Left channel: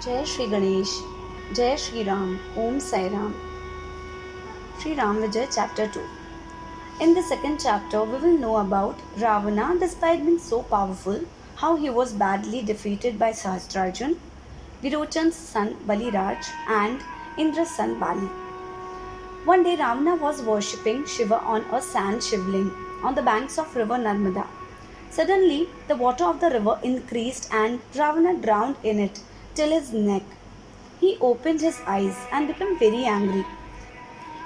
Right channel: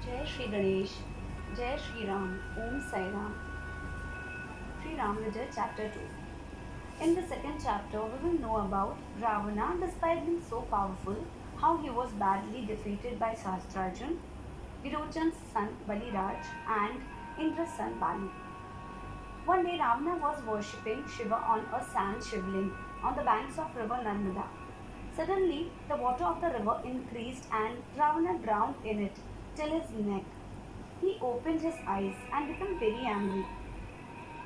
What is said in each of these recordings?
Jai Shri Ganesh, Jai Shri Ram, Om Sai Ram. Shri Ram Vijay Chapter 2. In the second chapter, we will know about Ravana, despite being so powerful, how he was badly defeated by Sahasrarjun, Virochan's son Baliraj, and Indra's son Bali. One day, Ravana was worshipping Shiva on a sand shivling on the banks of river Narmada. Suddenly, the water of the river increased and Ravana drowned in it till his neck. He opened his eyes and became very angry.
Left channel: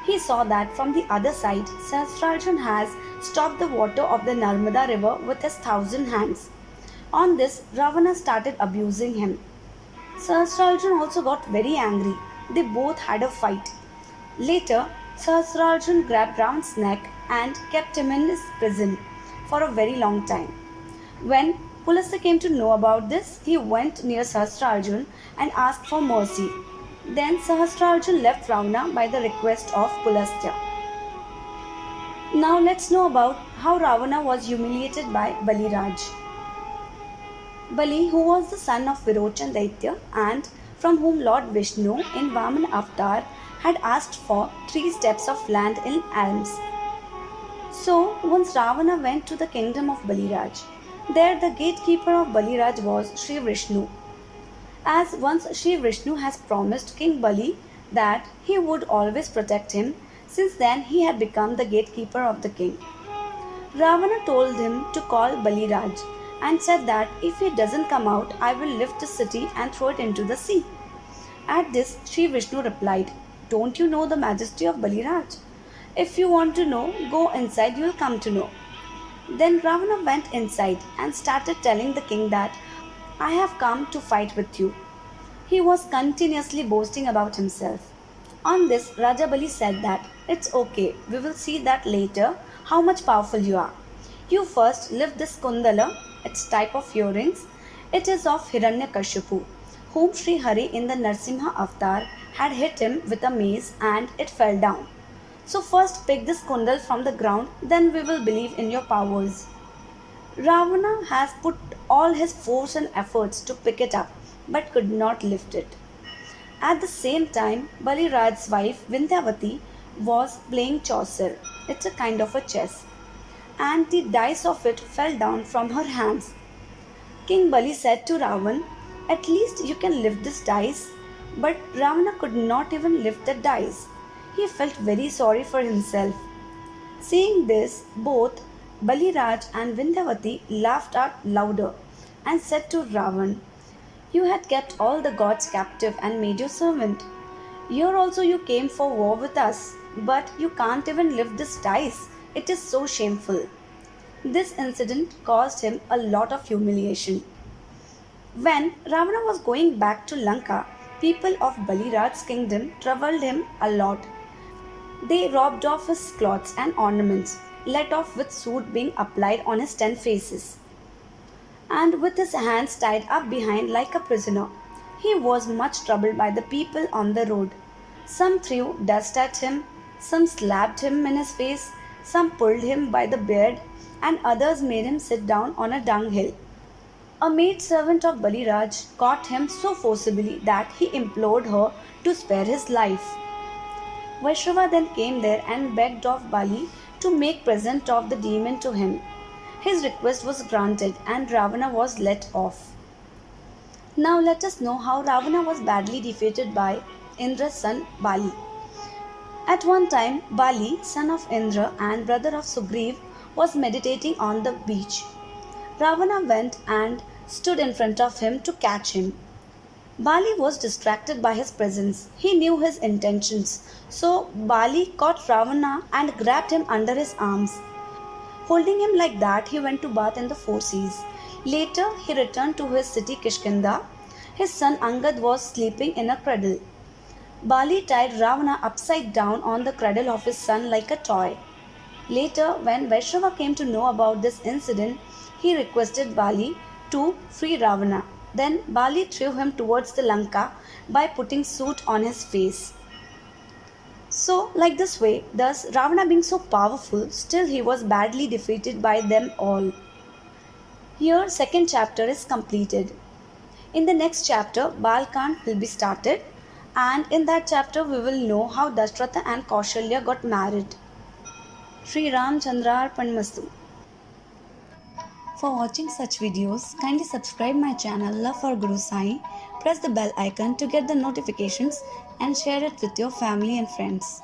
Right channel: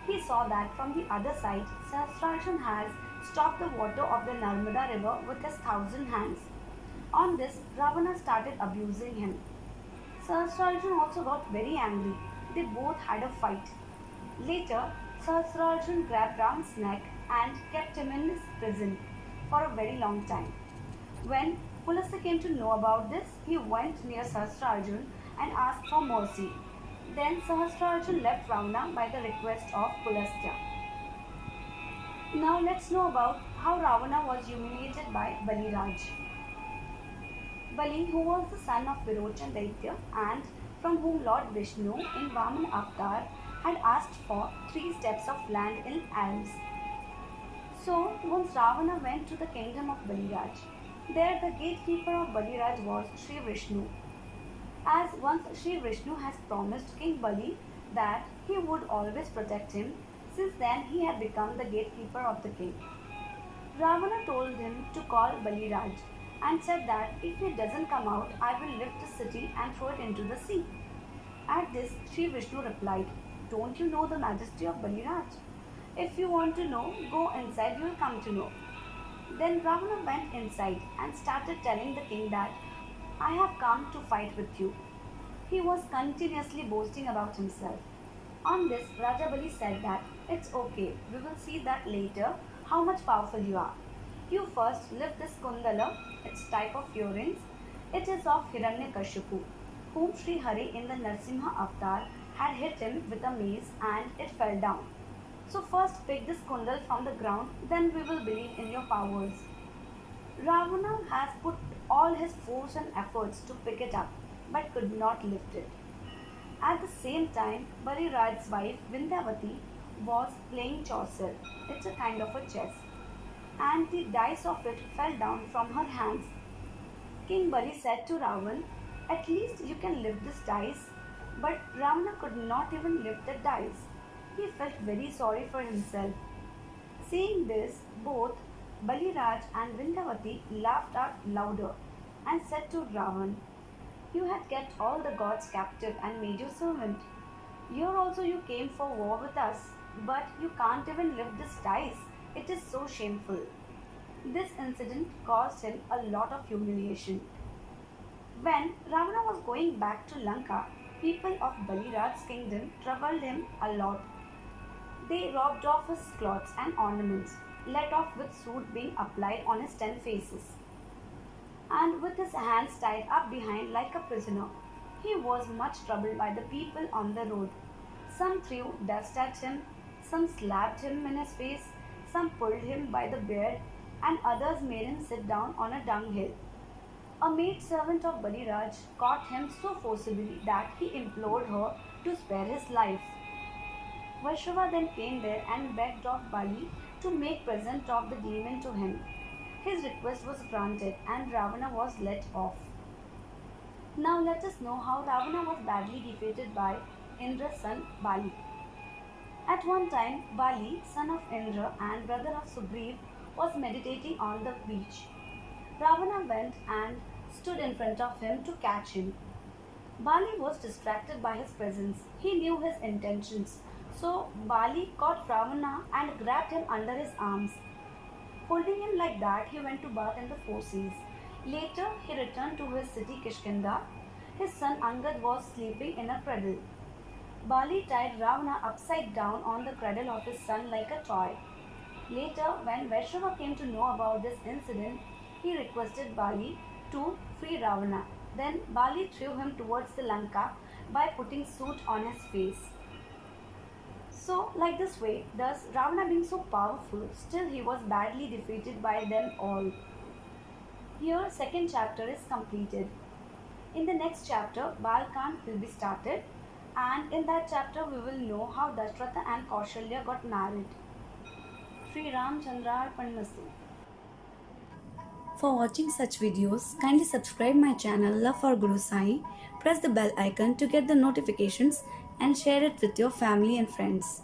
He saw that from the other side, Sahasrarjun has stopped the water of the Narmada river with his 1,000 hands. On this, Ravana started abusing him. Sahasrarjun also got very angry. They both had a fight. Later, Sahasrarjun grabbed Ravana's neck and kept him in his prison for a very long time. When Pulastya came to know about this, he went near Sahasrarjun and asked for mercy. Then Sahasrarjun left Ravana by the request of Pulastya. Now let's know about how Ravana was humiliated by Baliraj. Bali, who was the son of Virochan Daitya and from whom Lord Vishnu in Vamana avatar had asked for 3 steps of land in alms. So once Ravana went to the kingdom of Baliraj. There the gatekeeper of Baliraj was Sri Vishnu. As once Sri Vishnu has promised King Bali that he would always protect him, since then he had become the gatekeeper of the king. Ravana told him to call Baliraj and said that if he doesn't come out, I will lift the city and throw it into the sea. At this, Sri Vishnu replied, "Don't you know the majesty of Baliraj? If you want to know, go inside, you will come to know." Then Ravana went inside and started telling the king that I have come to fight with you. He was continuously boasting about himself. On this, Raja Bali said that it's okay, we will see that later how much powerful you are. You first lift this kundala, its type of earrings. It is of Hiranyakashipu, whom Sri Hari in the Narsimha avatar had hit him with a mace and it fell down. So first pick this kundal from the ground, then we will believe in your powers. Ravana has put all his force and efforts to pick it up, but could not lift it. At the same time, Baliraj's wife Vindhyavati was playing Chaucer. It's a kind of a chess. And the dice of it fell down from her hands. King Bali said to Ravan, "At least you can lift this dice." But Ravana could not even lift the dice. He felt very sorry for himself. Seeing this, both Baliraj and Vindhyavati laughed out louder and said to Ravan, "You had kept all the gods captive and made your servant. Here also you came for war with us, but you can't even lift this dice. It is so shameful." This incident caused him a lot of humiliation. When Ravana was going back to Lanka, people of Baliraj's kingdom troubled him a lot. They robbed off his clothes and ornaments, let off with soot being applied on his 10 faces, and with his hands tied up behind like a prisoner. He was much troubled by the people on the road. Some threw dust at him, some slapped him in his face, some pulled him by the beard, and others made him sit down on a dunghill. A maid servant of Baliraj caught him so forcibly that he implored her to spare his life. Vaishrava then came there and begged of Bali to make present of the demon to him. His request was granted and Ravana was let off. Now let us know how Ravana was badly defeated by Indra's son Bali. At one time, Bali, son of Indra and brother of Sugriv, was meditating on the beach. Ravana went and stood in front of him to catch him. Bali was distracted by his presence. He knew his intentions. So Bali caught Ravana and grabbed him under his arms. Holding him like that, he went to bath in the 4 seas. Later, he returned to his city Kishkindha. His son Angad was sleeping in a cradle. Bali tied Ravana upside down on the cradle of his son like a toy. Later, when Vaishrava came to know about this incident, he requested Bali to free Ravana. Then Bali threw him towards the Lanka by putting soot on his face. So, like this way, thus Ravana being so powerful, still he was badly defeated by them all. Here, second chapter is completed. In the next chapter, Balkand will be started, and in that chapter, we will know how Dashratha and Kaushalya got married. Sri Ram Chandrar Panmastu. For watching such videos, kindly subscribe my channel Love for Guru Sai, press the bell icon to get the notifications, and share it with your family and friends.